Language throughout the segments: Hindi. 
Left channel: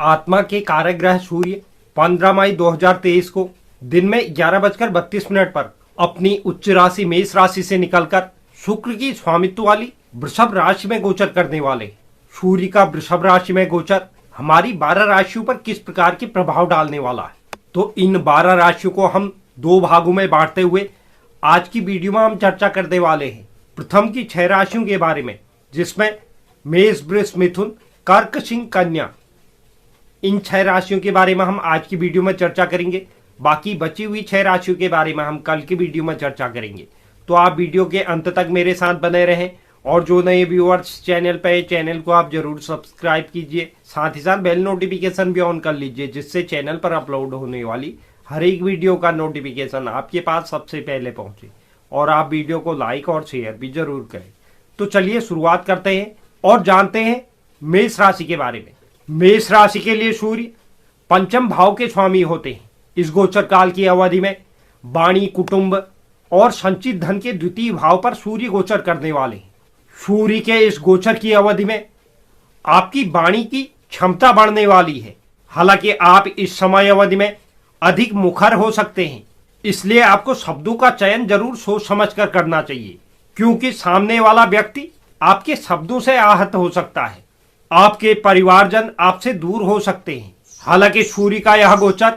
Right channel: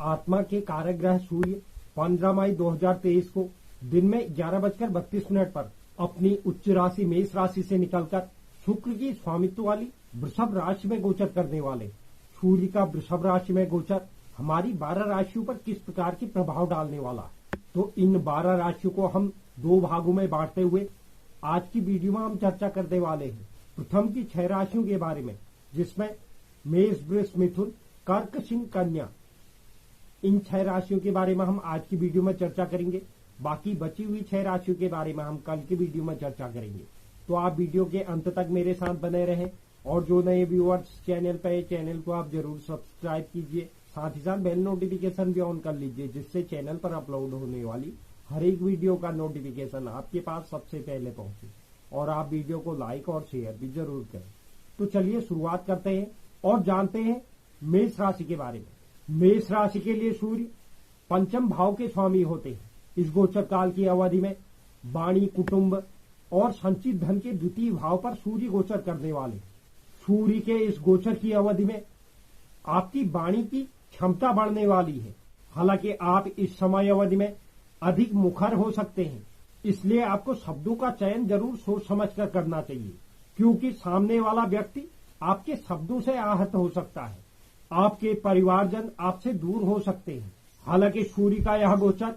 आत्मा के कारक ग्रह सूर्य 15 मई 2023 को दिन में 11:32 पर अपनी उच्च राशि मेष राशि से निकलकर शुक्र की स्वामित्व वाली वृषभ राशि में गोचर करने वाले। सूर्य का वृषभ राशि में गोचर हमारी 12 राशियों पर किस प्रकार के प्रभाव डालने वाला है, तो इन 12 राशियों को हम 2 भागों में बांटते हुए आज की वीडियो में हम चर्चा करने वाले हैं। प्रथम की 6 राशियों के बारे में, जिसमें मेष, वृष, मिथुन, कर्क, सिंह, कन्या, इन 6 राशियों के बारे में हम आज की वीडियो में चर्चा करेंगे। बाकी बची हुई 6 राशियों के बारे में हम कल की वीडियो में चर्चा करेंगे। तो आप वीडियो के अंत तक मेरे साथ बने रहें और जो नए व्यूअर्स चैनल पे, चैनल को आप जरूर सब्सक्राइब कीजिए, साथ ही साथ बेल नोटिफिकेशन भी ऑन कर लीजिए, जिससे चैनल पर अपलोड होने वाली हर एक वीडियो का नोटिफिकेशन आपके पास सबसे पहले पहुंचे। और आप वीडियो को लाइक और शेयर भी जरूर करें। तो चलिए शुरुआत करते हैं और जानते हैं मेष राशि के बारे में। मेष राशि के लिए सूर्य पंचम भाव के स्वामी होते हैं। इस गोचर काल की अवधि में वाणी, कुटुंब और संचित धन के द्वितीय भाव पर सूर्य गोचर करने वाले हैं। सूर्य के इस गोचर की अवधि में आपकी वाणी की क्षमता बढ़ने वाली है। हालांकि आप इस समय अवधि में अधिक मुखर हो सकते हैं, इसलिए आपको शब्दों का चयन जरूर सोच समझ कर करना चाहिए, क्योंकि सामने वाला व्यक्ति आपके शब्दों से आहत हो सकता है। आपके परिवारजन आपसे दूर हो सकते हैं। हालांकि सूर्य का यह गोचर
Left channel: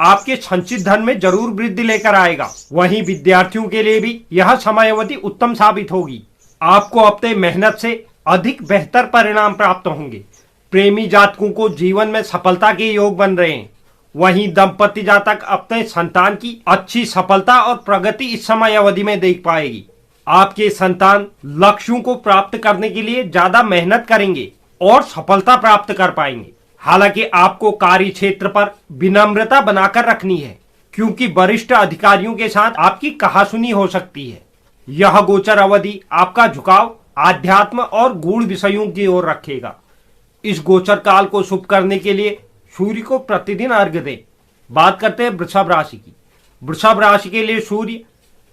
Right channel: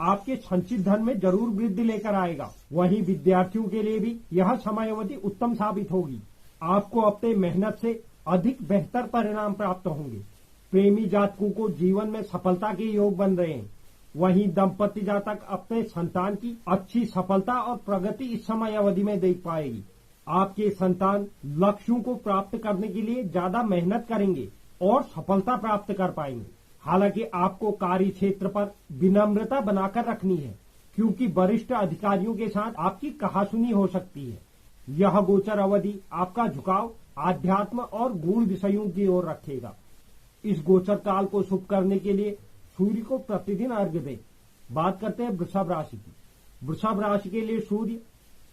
आपके संचित धन में जरूर वृद्धि लेकर आएगा। वहीं विद्यार्थियों के लिए भी यह समय अवधि उत्तम साबित होगी। आपको अपने मेहनत से अधिक बेहतर परिणाम प्राप्त होंगे। प्रेमी जातकों को जीवन में सफलता के योग बन रहे हैं। वहीं दंपति जातक अपने संतान की अच्छी सफलता और प्रगति इस समय अवधि में देख पाएगी। आपके संतान लक्ष्यों को प्राप्त करने के लिए ज्यादा मेहनत करेंगे और सफलता प्राप्त कर पाएंगे। हालांकि आपको कार्य क्षेत्र पर विनम्रता बनाकर रखनी है, क्योंकि वरिष्ठ अधिकारियों के साथ आपकी कहासुनी हो सकती है। यह गोचर अवधि आपका झुकाव आध्यात्म और गूढ़ विषयों की ओर रखेगा। इस गोचर काल को शुभ करने के लिए सूर्य को प्रतिदिन अर्घ्य दें। बात करते हैं वृषभ राशि की। वृषभ राशि के लिए सूर्य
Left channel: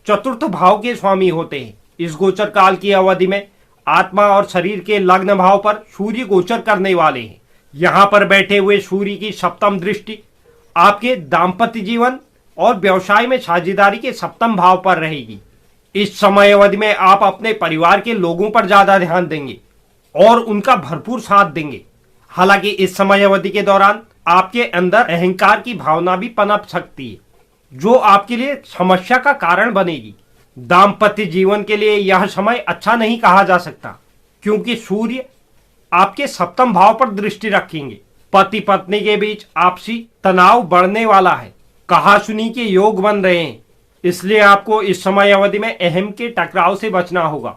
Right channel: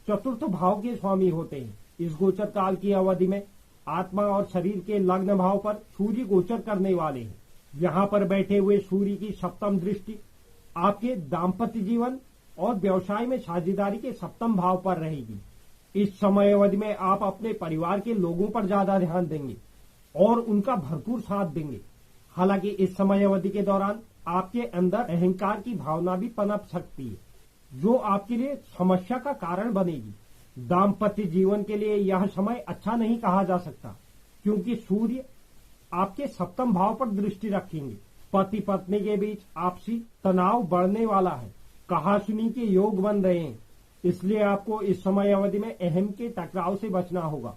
चतुर्थ भाव के स्वामी होते हैं। इस गोचर काल की अवधि में आत्मा और शरीर के लग्न भाव पर सूर्य गोचर करने वाले हैं। यहाँ पर बैठे हुए सूर्य की सप्तम दृष्टि आपके दाम्पत्य जीवन और व्यवसाय में साझेदारी के सप्तम भाव पर रहेगी। इस समय अवधि में आप अपने परिवार के लोगों पर ज्यादा ध्यान देंगे और उनका भरपूर साथ देंगे। हालांकि इस समय अवधि के दौरान आपके अंदर अहंकार की भावना भी पनप सकती है, जो आपके लिए समस्या का कारण बनेगी। दाम्पत्य जीवन के लिए यह समय अच्छा नहीं कहा जा सकता, क्योंकि सूर्य आपके सप्तम भाव पर दृष्टि रखेंगे। पति पत्नी के बीच आपसी तनाव बढ़ने वाला है। कहासुनी के योग बन रहे हैं, इसलिए आपको इस समय अवधि में अहम के टकराव से बचना होगा।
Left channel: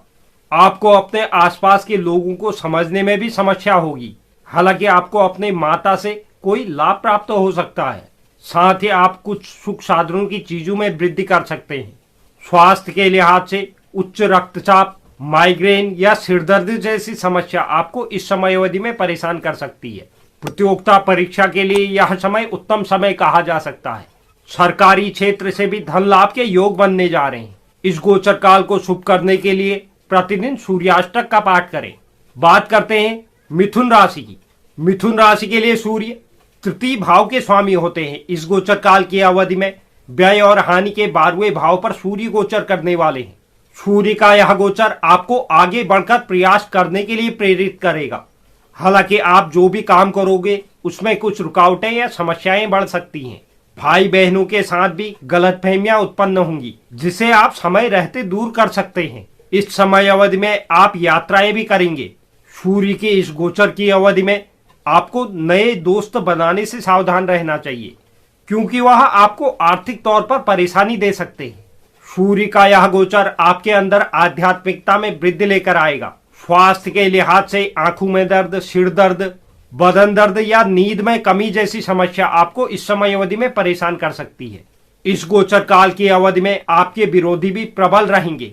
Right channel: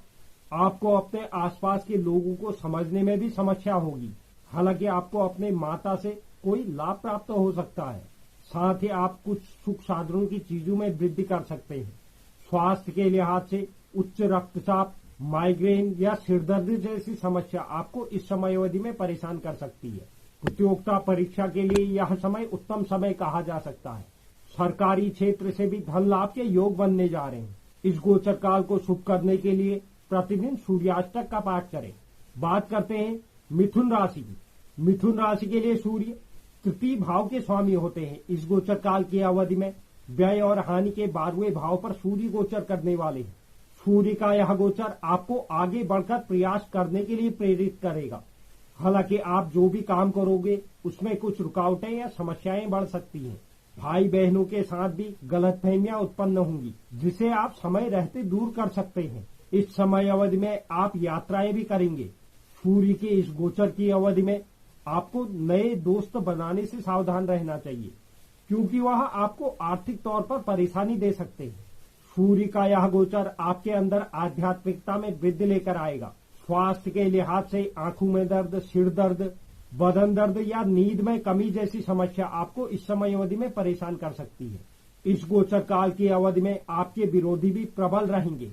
आपको अपने आसपास के लोगों को समझने में भी समस्या होगी। हालांकि आपको अपने माता से कोई लाभ प्राप्त हो सकता है। साथ ही आप कुछ सुख साधनों की चीजों में वृद्धि कर सकते हैं। स्वास्थ्य के लिहाज से उच्च रक्तचाप, माइग्रेन या सिरदर्द जैसी समस्या आपको इस समय अवधि में परेशान कर सकती है। प्रतियोगिता परीक्षा के लिए यह समय उत्तम समय कहा जा सकता है। सरकारी क्षेत्र से भी धन लाभ के योग बनने जा रहे हैं। इस गोचर काल को शुभ करने के लिए प्रतिदिन सूर्याष्टक का पाठ करें। बात करते हैं मिथुन राशि की। मिथुन राशि के लिए सूर्य तृतीय भाव के स्वामी होते हैं। इस गोचर काल की अवधि में व्यय और हानि के 12वें भाव पर सूर्य गोचर करने वाले हैं। सूर्य का यह गोचर आपको आगे बढ़कर प्रयास करने के लिए प्रेरित करेगा। हालांकि आप जो भी काम करोगे उसमें कुछ रुकावटें या समस्याएं बढ़ सकती हैं। भाई बहनों के साथ भी गलतफहमियां उत्पन्न होंगी, जिसे आप समय रहते दूर कर सकते हैं। इस समय अवधि में आप यात्राएं भी करेंगे। सूर्य के इस गोचर की अवधि में आपको नए दोस्त बनाने से सावधान रहना चाहिए, क्योंकि वह आपको आर्थिक तौर पर परेशानी दे सकते हैं। सूर्य का यह गोचर आपके अंदर आध्यात्मिकता में वृद्धि लेकर आएगा। स्वास्थ्य के लिहाज से आंखों में दर्द, सिर दर्द, बदन दर्द या नींद में कमी जैसी समस्या आपको इस समय अवधि में परेशान कर सकती है। इस गोचर काल की अवधि में आपके विरोधी भी प्रबल रहेंगे,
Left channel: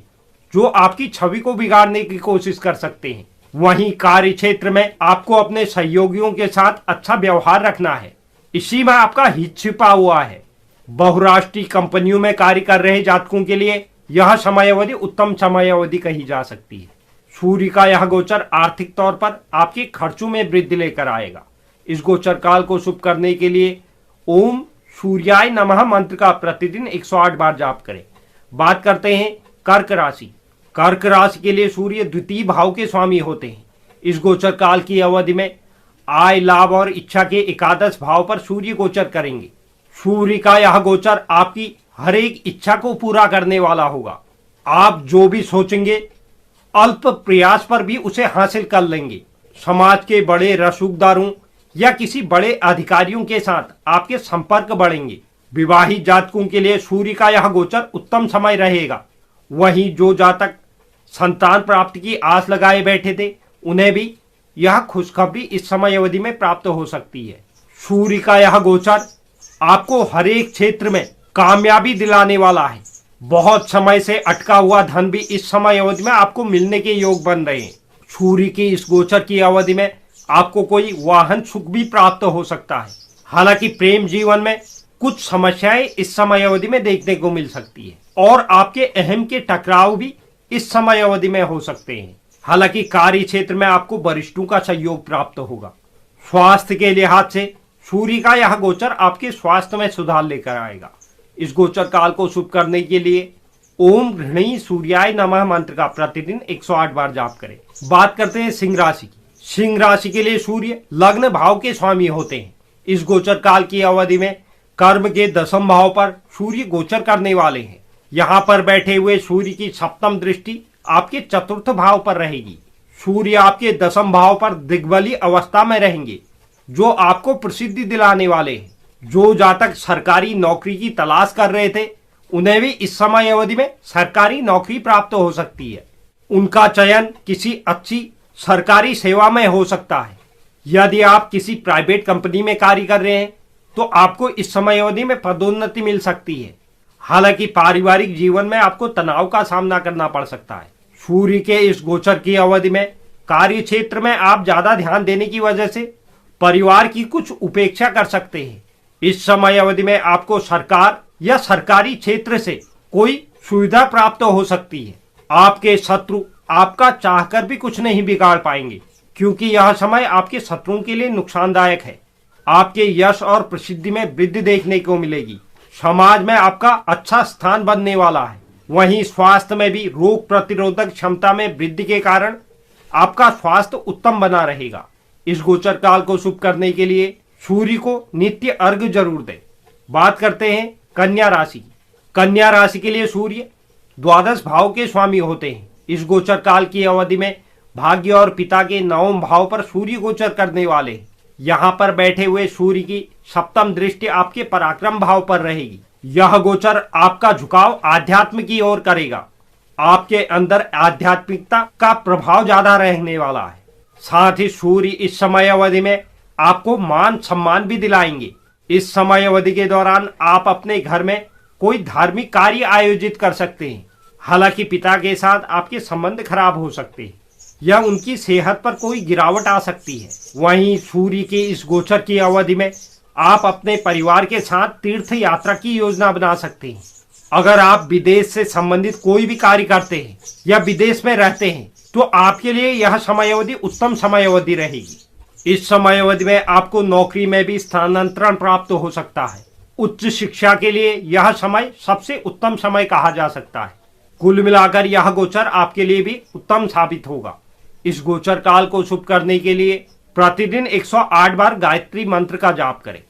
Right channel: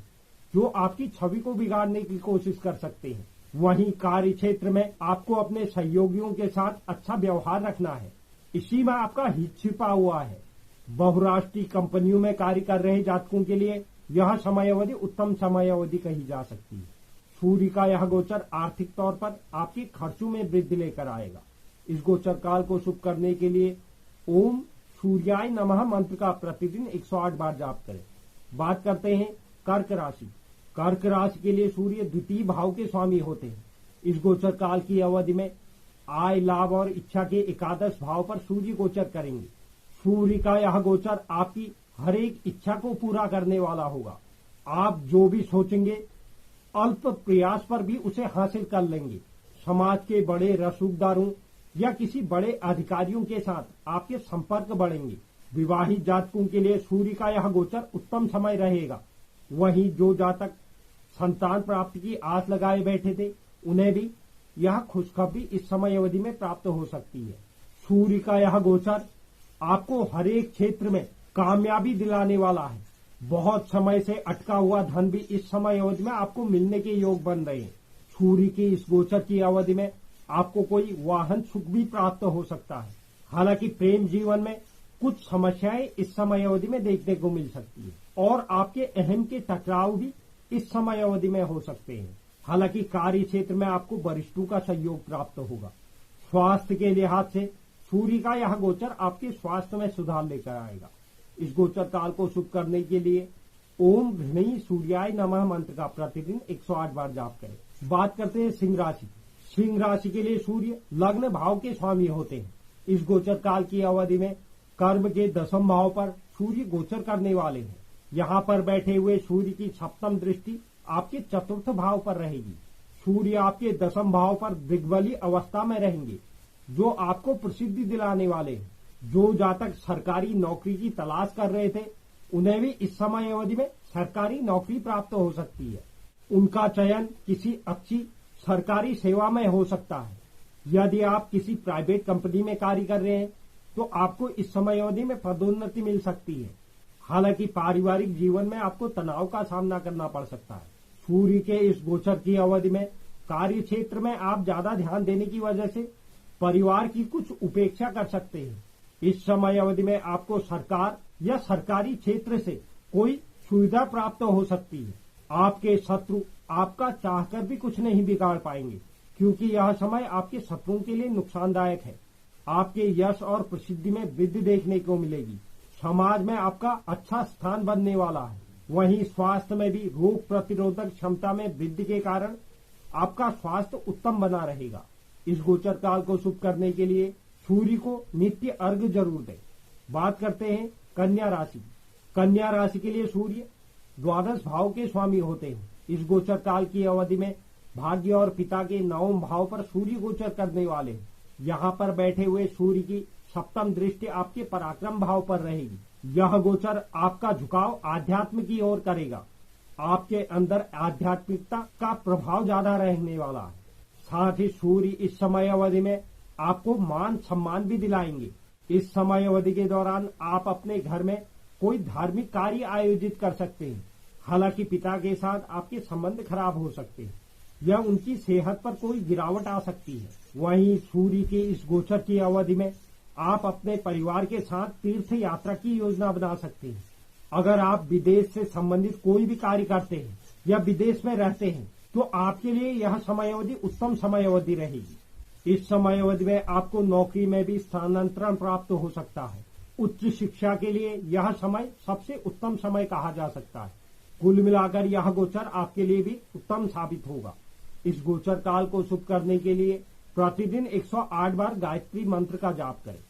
जो आपकी छवि को बिगाड़ने की कोशिश कर सकते हैं। वहीं कार्य क्षेत्र में आपको अपने सहयोगियों के साथ अच्छा व्यवहार रखना है। इसी में आपका हित छिपा हुआ है। बहुराष्ट्रीय कंपनियों में कार्य कर रहे जातकों के लिए यह समय अवधि उत्तम समय अवधि कही जा सकती है। सूर्य का यह गोचर आर्थिक तौर पर आपके खर्चों में वृद्धि लेकर आएगा। इस गोचर काल को शुभ करने के लिए ओम सूर्याय नमः मंत्र का प्रतिदिन 108 बार जाप करें। बात करते हैं कर्क राशि। कर्क राशि के लिए सूर्य द्वितीय भाव के स्वामी होते हैं। इस गोचर काल की अवधि में आय, लाभ और इच्छा के एकादश भाव पर सूर्य गोचर करेंगे। सूर्य का यह गोचर आपकी हर एक इच्छा को पूरा करने वाला होगा। आप जो भी सोचेंगे अल्प प्रयास पर भी उसे हासिल कर लेंगे। समाज के बड़े रसूखदारों या किसी बड़े अधिकारियों के साथ आपके संपर्क बढ़ेंगे। विवाहित जातकों के लिए सूर्य का यह गोचर उत्तम समय रहेगा। वहीं जो जातक संतान प्राप्ति की आस लगाए बैठे थे उन्हें भी यह खुशखबरी इस समय अवधि में प्राप्त हो सकती है। सूर्य का यह गोचर आपको हर एक क्षेत्र में कामयाबी दिलाने वाला है। बहुत समय से अटका हुआ धन भी इस समय अवधि में आपको मिलने के योग बन रहे हैं। सूर्य की इस गोचर की अवधि में आपको कोई वाहन सुख भी प्राप्त हो सकता है। हालांकि प्रेम जीवन में कुछ समस्याएं इस समय अवधि में देखने को मिल सकती है और आपके अहम के टकराव भी इस समय अवधि में हो सकते हैं। हालांकि कार्य क्षेत्र में आपको वरिष्ठों का सहयोग प्राप्त होगा। स्वास्थ्य के लिहाज से सूर्य का यह गोचर आपके स्वास्थ्य में सुधार लेकर आएगा। इस गोचर काल को शुभ करने के लिए ओम घृणी सूर्याय नमः मंत्र का प्रतिदिन 108 बार जाप करें। बात करते हैं सिंह राशि की। सिंह राशि के लिए सूर्य लग्न भाव के स्वामी होते हैं। इस गोचर काल की अवधि में कर्म के दशम भाव पर सूर्य गोचर करने वाले हैं। यहाँ पर बैठे हुए सूर्य की सप्तम दृष्टि आपके चतुर्थ भाव पर रहेगी। सूर्य आपके दशम भाव पर दिग्बली अवस्था में रहेंगे, जो आपको प्रसिद्धि दिलाने वाले हैं। जो जातक सरकारी नौकरी की तलाश कर रहे थे उन्हें भी इस समय अवधि में सरकारी नौकरी प्राप्त हो सकती है। उनका चयन किसी अच्छी सरकारी सेवा में हो सकता है। यदि आप किसी प्राइवेट कंपनी में कार्य कर रहे हैं तो आपको इस समय अवधि में पदोन्नति मिल सकती है। हालांकि पारिवारिक जीवन में आपको तनाव का सामना करना पड़ सकता है। सूर्य के इस गोचर की अवधि में कार्य क्षेत्र में आप ज्यादा ध्यान देने की वजह से परिवार की कुछ उपेक्षा कर सकते हैं। इस समय अवधि में आपको सरकार या सरकारी क्षेत्र से कोई सुविधा प्राप्त हो सकती है। आपके शत्रु आपका चाहकर भी कुछ नहीं बिगाड़ पाएंगे, क्योंकि यह समय आपके शत्रुओं के लिए नुकसानदायक है। आपके यश और प्रसिद्धि में वृद्धि देखने को मिलेगी। समाज में आपका अच्छा स्थान बनने वाला है। वहीं स्वास्थ्य में भी रोग प्रतिरोधक क्षमता में वृद्धि के कारण आपका स्वास्थ्य उत्तम बना रहेगा। इस गोचर काल को शुभ करने के लिए सूर्य को नित्य अर्घ्य जरूर दें। बात करते हैं कन्या राशि की। कन्या राशि के लिए सूर्य द्वादश भाव के स्वामी होते हैं। इस गोचर काल की अवधि में भाग्य और पिता के नवम भाव पर सूर्य गोचर करने वाले हैं। यहाँ पर बैठे हुए सूर्य की सप्तम दृष्टि आपके पराक्रम भाव पर रहेगी। यह गोचर आपका झुकाव आध्यात्म की ओर करेगा। आपके अंदर आध्यात्मिकता का प्रभाव ज्यादा रहने वाला है। साथ ही सूर्य इस समय अवधि में आपको मान सम्मान भी दिलाएंगे। इस समय अवधि के दौरान आप अपने घर में कोई धार्मिक कार्य आयोजित कर सकते हैं। हालांकि पिता के साथ आपके संबंध खराब हो सकते हैं या उनकी सेहत पर कोई गिरावट आ सकती है। वहीं सूर्य के इस गोचर की अवधि में आप अपने परिवार के साथ तीर्थ यात्रा की योजना बना सकते हैं। अगर आप विदेश से संबंधित कोई भी कार्य करते हैं या विदेश में रहते हैं तो आपके लिए यह समय अवधि उत्तम समय अवधि रहेगी। इस समय अवधि में आपको नौकरी में भी स्थानांतरण प्राप्त हो सकता है। उच्च शिक्षा के लिए यह समय सबसे उत्तम समय कहा जा सकता है। कुल मिलाकर यह गोचर आपके लिए भी उत्तम साबित होगा। इस गोचर काल को शुभ करने के लिए प्रतिदिन 108 बार गायत्री मंत्र का जाप करें।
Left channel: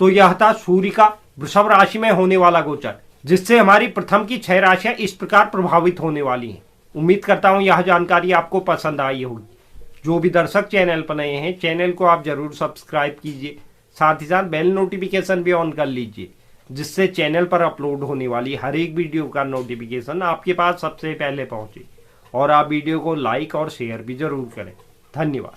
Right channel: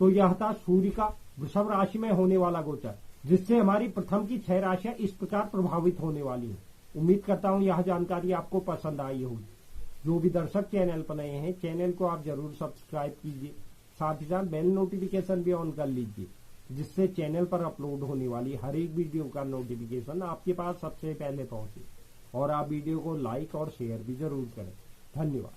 तो यह था सूर्य का वृषभ राशि में होने वाला गोचर, जिससे हमारी प्रथम की 6 राशियां इस प्रकार प्रभावित होने वाली हैं। उम्मीद करता हूं यह जानकारी आपको पसंद आई होगी। जो भी दर्शक चैनल पर नए हैं, चैनल को आप जरूर सब्सक्राइब कीजिए। साथ ही साथ बेल नोटिफिकेशन भी ऑन कर लीजिए, जिससे चैनल पर अपलोड होने वाली हर एक वीडियो का नोटिफिकेशन आपके पास सबसे पहले पहुंचे। और आप वीडियो को लाइक और शेयर भी जरूर करें। धन्यवाद।